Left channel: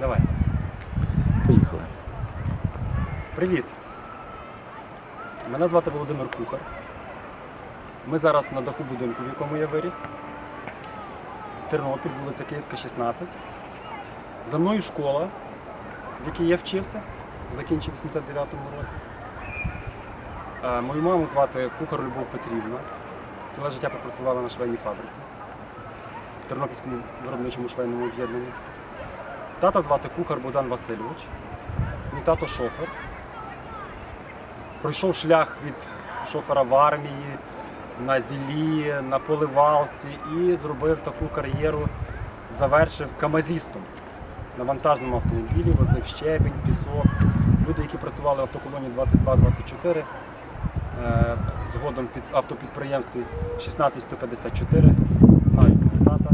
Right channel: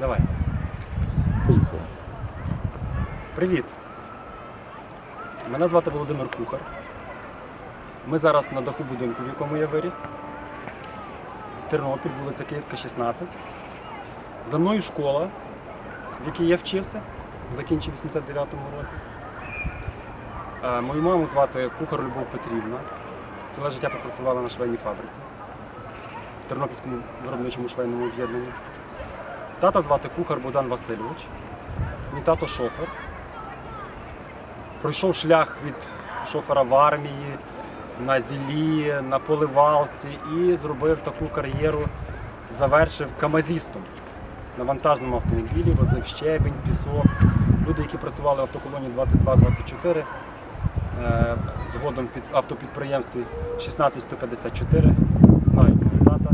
Давай. Поїхали. Привіт. Мене звати Володимир Кухар. Ми зараз на даху будинку, в якому я виріс. Тернопіль, вулиця Київська, 16. За мною школа, в якій я вчився, закінчив у 89-му році. Е, Мою маму звати Кухар Любов Петрівна. Ціле життя попрацювала на швейній фабриці в Тернопільському виробничому швейному об'єднанні. Тата звати Кухар Богдан Васильович. Мій тато шофер. Пройшов шлях від шофера в армії, на зілі, на поливалці і зробив таку кар'єру, завершив камазістом на вантажному автомобілі, возив щебінь, пісок. Люди, які працювали в автоколоні 22-24, е, згодом під автопідприємстві 16154, знають мого тата.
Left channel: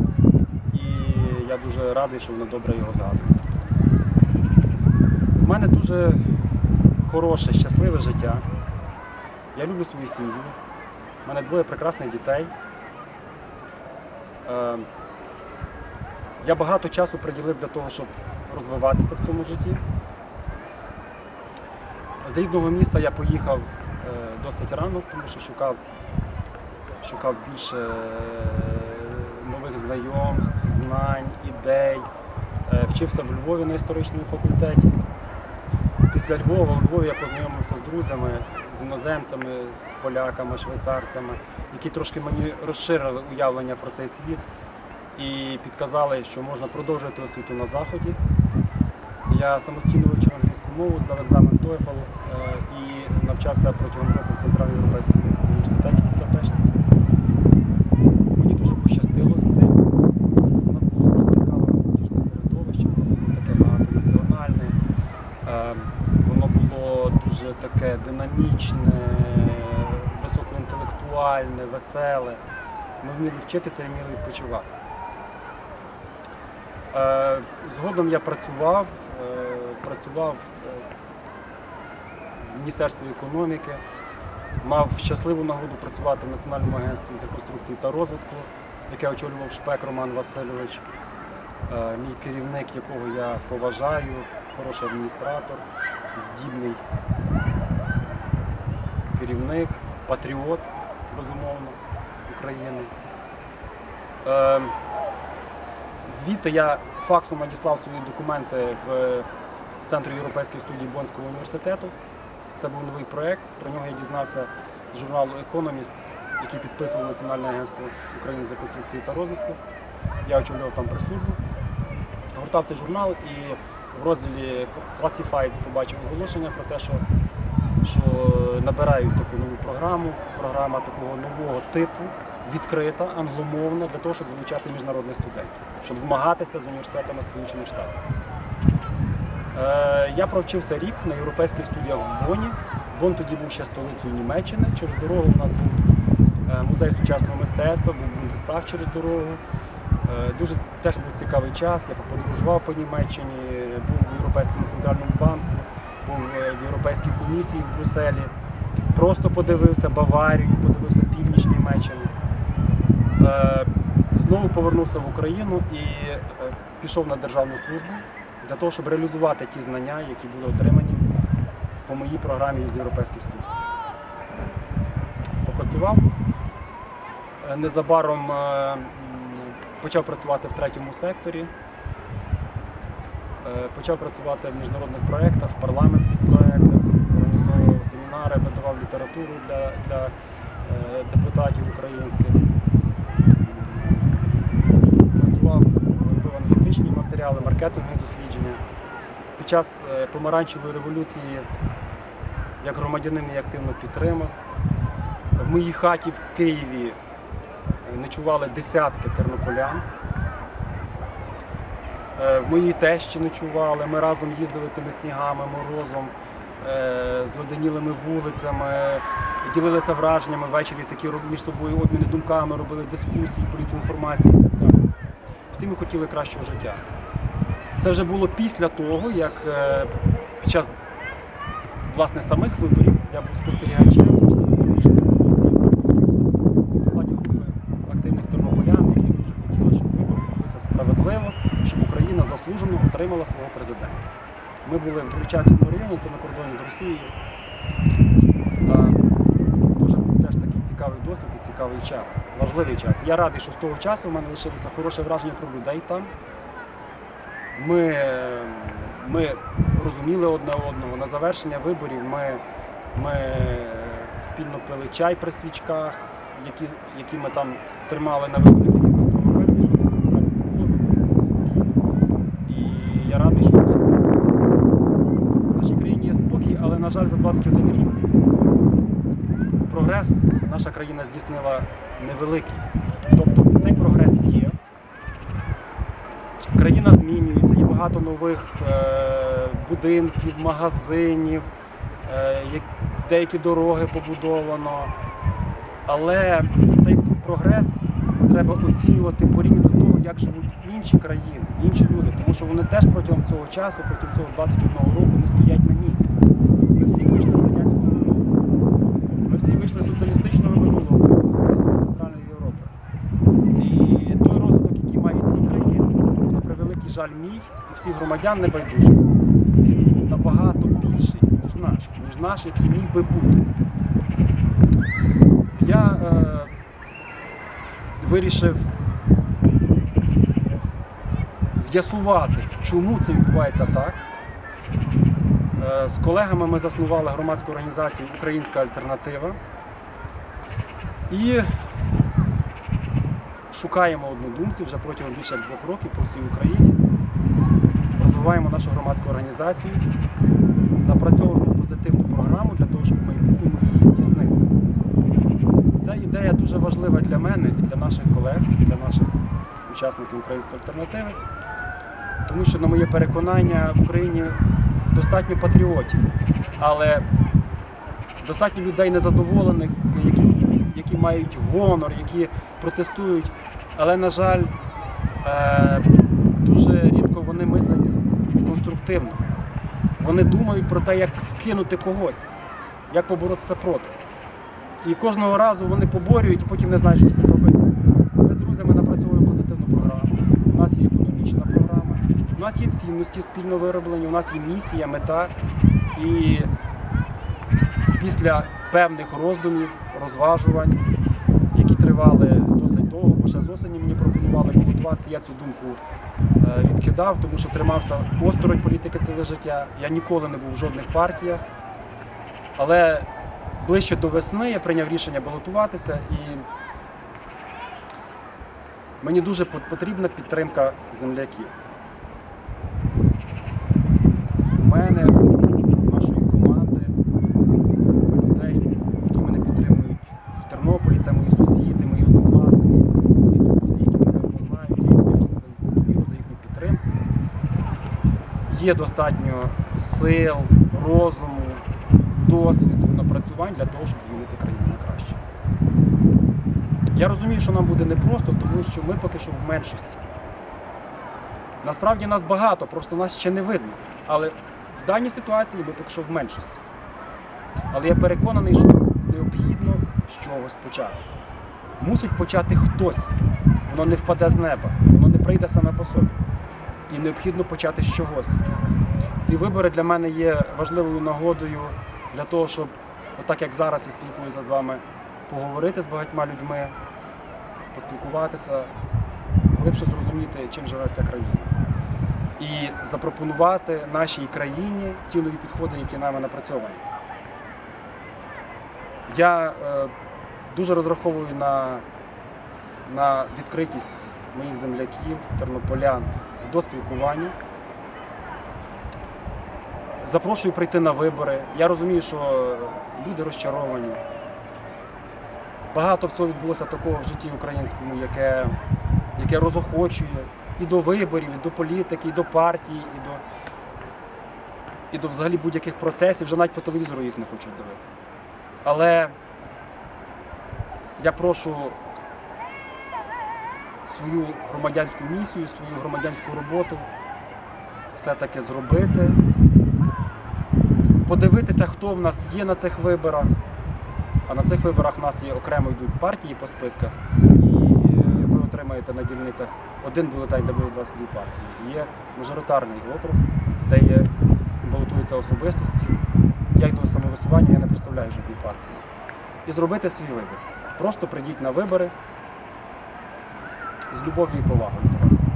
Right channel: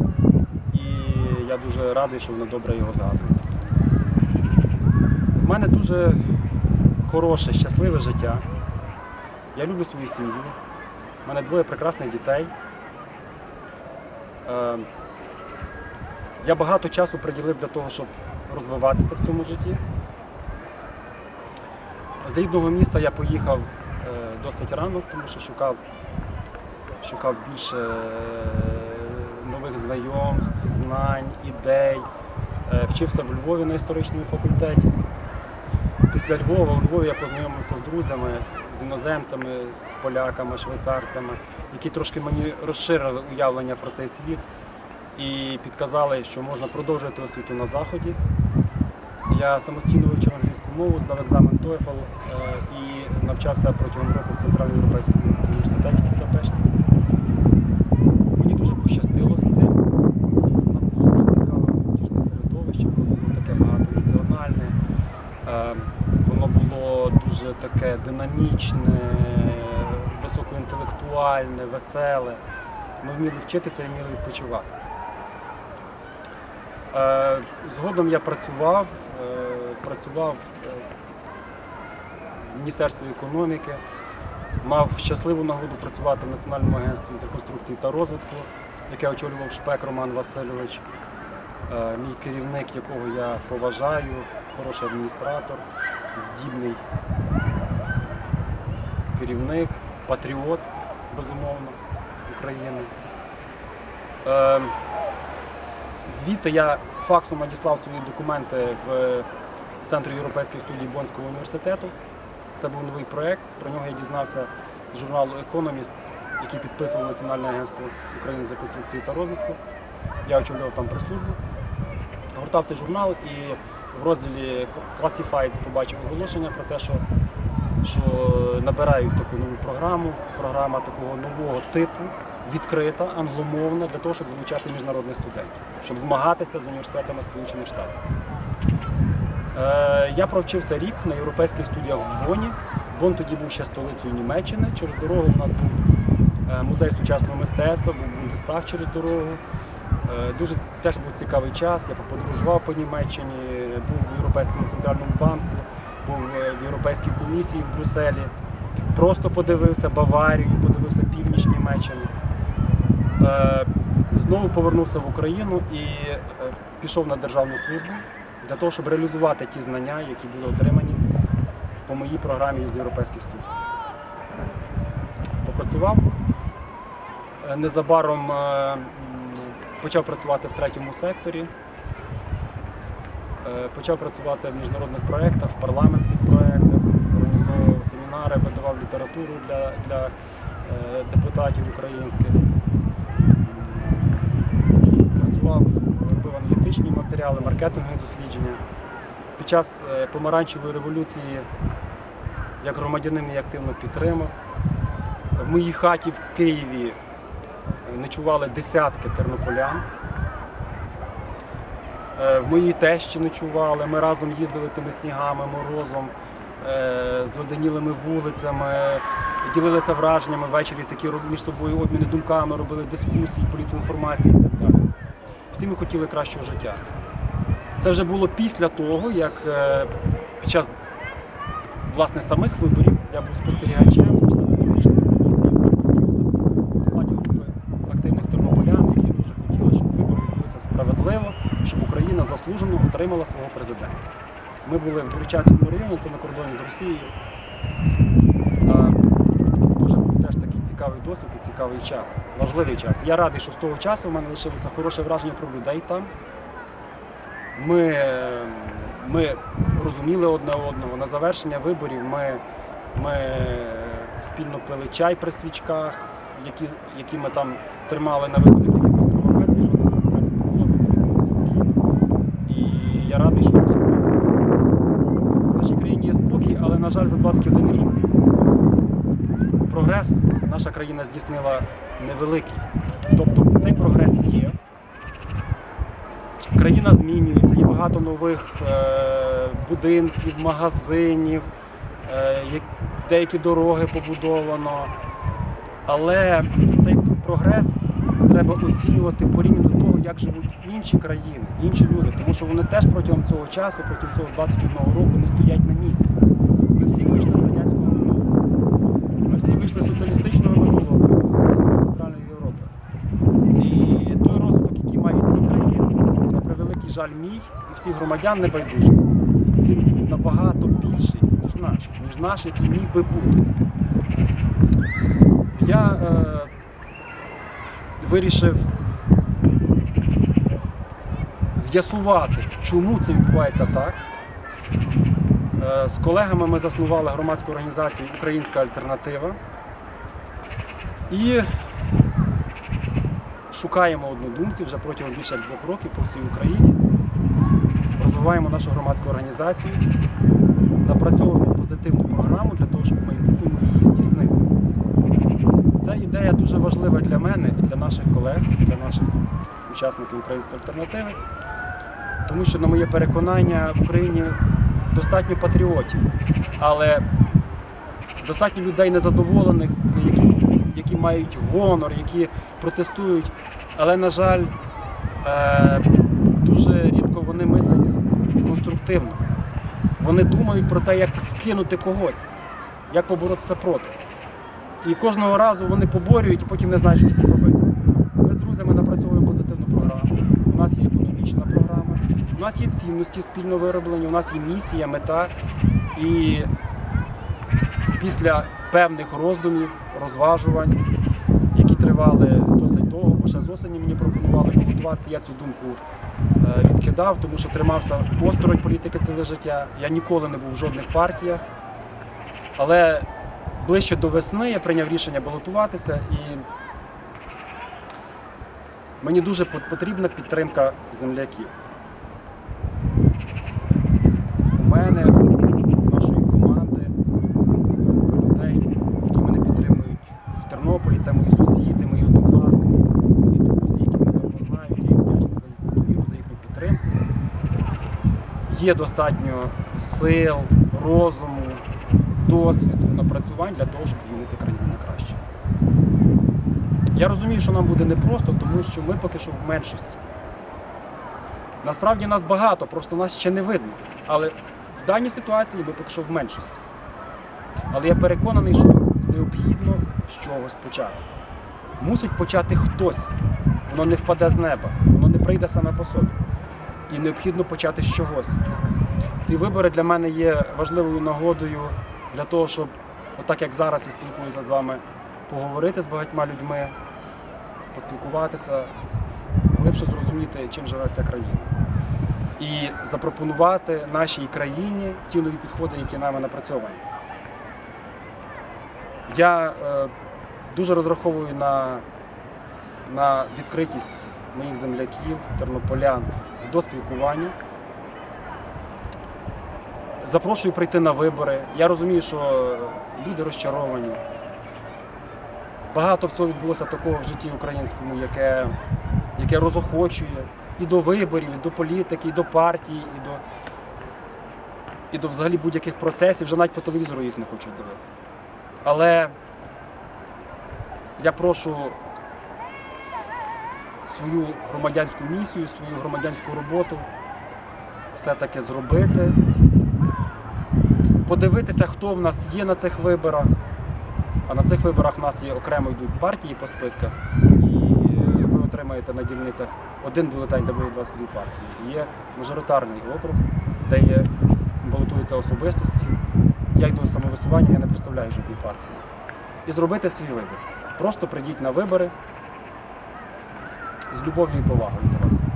Я дуже радий, що вони добре його згадують. В мене дуже хороше, щасливе життя. Я люблю свою сім'ю. У мене двоє прекрасних дітей. Е, Я багато часу приділив для того, щоб розвиватися в цьому житті. З рідного міста я поїхав е, досить рано, тому що шукав, шукав більше е, нових знайомств, знань, ідей. Е, Вчився в Львові на історичному факультеті. Після Львова у Львові я познайомився з друзями, з іноземцями, з поляками, швейцарцями, які трошки мені розширили уявлення про цей світ і підказали, що можна продовжити освіту на Заході. Я самостійно вивчив англійську мову, здав екзамен TOEFL е, і навчався протягом року в Центрально-Європейському університеті в Будапешті. Мені дуже пощастило з цим. У нас було дуже цікаве молодіжне середовище, воно було таке багатонаціональне, е, воно було дуже таке динамічне, високоінтелектуальне, веселе. Ми вміли вчитися і вміли відпочивати. Е, Згодом я працював, е, працював в Міністерстві економіки, мав щасливу нагоду працювати в Національному агентстві з реконструкції та розвитку, яке очолював Шпек Роман Васильович, Е, мій керівник, якого я поважаю, хороший адміністратор, здібний керівник, патріот, безумовно, України. Е, Звідти я факсом надіслав свої документи в Центр європейської студії Бонського університету. Це був новий проєкт. Про нього я дізнався з журналу Економіст, який підписував Національне агентство України з реконструкції та розвитку. Я очолював там прес-службу. Гортав цей журнал і в розділі Classifieds побачив оголошення про те, що, що набирають таку нову програму, програма такого нового типу, відкрита, англомовна, для того, щоб залучати міжнародних студентів, щоб змагатися з університетами Сполучених Штатів. Е, я провчився рік на європейських студіях в Боні. Бон тоді був ще столицею Німеччини. Через дорогу у нас був е, музей сучасного мистецтва, був Бундестаг через дорогу. Е, Дуже теж був цікавий час. Я подорожував по Німеччині, був в Європейському центральному банку, був в Європейській комісії в Брюсселі. Просто подивився Баварію, подивився північ Німеччини. Знову повернувся в Україну і пішов на державну службу для того, щоб реалізувати ті знання, які були отримані по моїй програмі з європейських студій. Попрацював. Е, Незабаром е, почав працювати в третьому секторі. Е, Почав працювати в міжнародних проєктах, в парламентських проєктах, організовував семінари, видавав літературу для, для депутатів українських. Працював, аналітичні матеріали, маркетингові дослідження. Під час е, помаранчевої революції як громадянин її активно підтримав. В моїй хаті в Києві е, ночували десятки тернополян. Е, В моїй тещі ночували, ми разом їздили тими снігами, морозом, зледенілими вулицями, ділилися враженнями ввечері, такі між собою обміни думками, робили дискусії, політінформації і так далі. Всі ми хотіли кращого життя. Це вже було після того, як е, під час власне самих виборів я був спостерігачем і членом північної комісії в Харківській області у складі групи активних тернополян, які дуже хотіли щоб вибори відбулися справедливо, щоб Україна заслужено отримала свого президента. Ми були в Дворічанському районі, це на кордоні з Росією. А, Дуже був теж такий цікавий досвід і цікавий час, важливий час. Я радий, що з того часу в мене лишилося хороше враження про людей там. Ми, ми розуміли одне одного. На завершення виборів ми, ми спільно пили чай при свічках, які, які ми там тримали на випадок якихось провокацій. Жодних провокацій не було, вибори відбулися спокійно. І я радий, що в нашій країні є спокій. В нашій країні є спокій, але, на жаль, за 21 рік прогрес наша країна здійснила невеликий. Тобто цей прогрес є. Країна змінюється, є багато нових е, будинків, магазинів, е, деякі дороги побудовано. Але цей прогрес треба оцінювати порівняно до того, як живуть інші країни, інші люди, тому що вони теж протягом цього часу, протягом цього 21 року не стоять на місці. Ми всі вийшли з радянського минулого. Всі вийшли з соціалістичного минулого порівняно з країнами Центральної Європи. І той розвиток, який мають ці країни, на превеликий жаль, мій і всіх громадян небайдужих, він набагато більший, ніж наш, ніж наш, який міг би бути. Я е, вирішив з'ясувати, чому це відбувається так. Е, З колегами ми заснували громадську організацію Українська альтернатива і шукаємо однодумців вже протягом більше як двох років по всій Україні. Розвиваємо нашу громадську організацію, напрацьовуємо позитивну програму для того, щоб в майбутньому її здійснити. Ця ідея дуже важлива для мене і для наших колег, для наших учасників української альтернативи, тому що, на моє переконання, в Україні достатньо патріотів, але достатньо людей незадоволених, які, які мають гонор, які протестують. Але, на жаль, е, дуже рідко вони мислять конструктивно. Вони думають про те, як скинути когось, як поборотися проти. І кожного разу вони поборюють і потім не знають, що з цим робити. Ми з друзями напрацьовуємо позитивну програму. У нас є економічна програма, у нас є цінності спільно вироблені, у нас є місія, мета. І після певних роздумів, розважувань, які тривали досить довго, бо ще з осені мені пропонували балотуватися, я цю думку е, відкидав, тому що тримався осторонь політики ціле життя. Я ніколи не був в жодних партіях. Але ближче до весни я прийняв рішення балотуватися і мені дуже потрібна підтримка земляків. У мене, в нашої команди, групи людей, які мене підтримують в Тернополі, це мої сусіди, мої однокласники, мої друзі, які мене давно знають. Я їм вдячний за їхню довіру, за їхню підтримку. Є достатньо сил, розуму, досвіду, напрацювань для того, щоб змінити країну на краще. Я розумію, що нам буде непросто, тому що ми поки що в меншості. Насправді нас багато, просто нас ще не видно. Але в даній ситуації ми поки що в меншості. Але я переконаний, що необхідно з чогось почати. Мусить почати хтось. Воно не впаде з неба, воно не прийде саме по собі. І необхідно почати з чогось. Ці вибори для мене є важливою нагодою для того, щоб, отак як зараз я спілкуюся з вами, поговорити з багатьма людьми, поспілкуватися, глибше зрозуміти, чим живе ця країна. І запропонувати нашій країні ті нові підходи, які нами напрацьовані. Я е, дуже розраховую на, на відкритість моїх земляків, тернополян до спілкування. Запрошую прийти на вибори. Я розумію, що люди розчаровані. Багато всього відбулося такого в житті українському, яке, яке розохочує і до виборів, і до політики, і до партії, і до, і до взагалі будь-яких процесів. Вже навіть по телевізору їх не хочуть дивитися. Але я прошу свою громадянську місію, свою громадянську роботу все-таки зробити, подивитися, хто в нас є на цих виборах. А на цих виборах в нас є окремо йдуть партії по списках, і ви отримаєте на дільницях один бюлетень, де буде 22 партії. Є мажоритарний округ, де є балотуються особистості. Я йду самовисуванням, я не представляю жодної партії. І зробити свій вибір. Просто прийдіть на вибори з любов'ю і повагою до вас.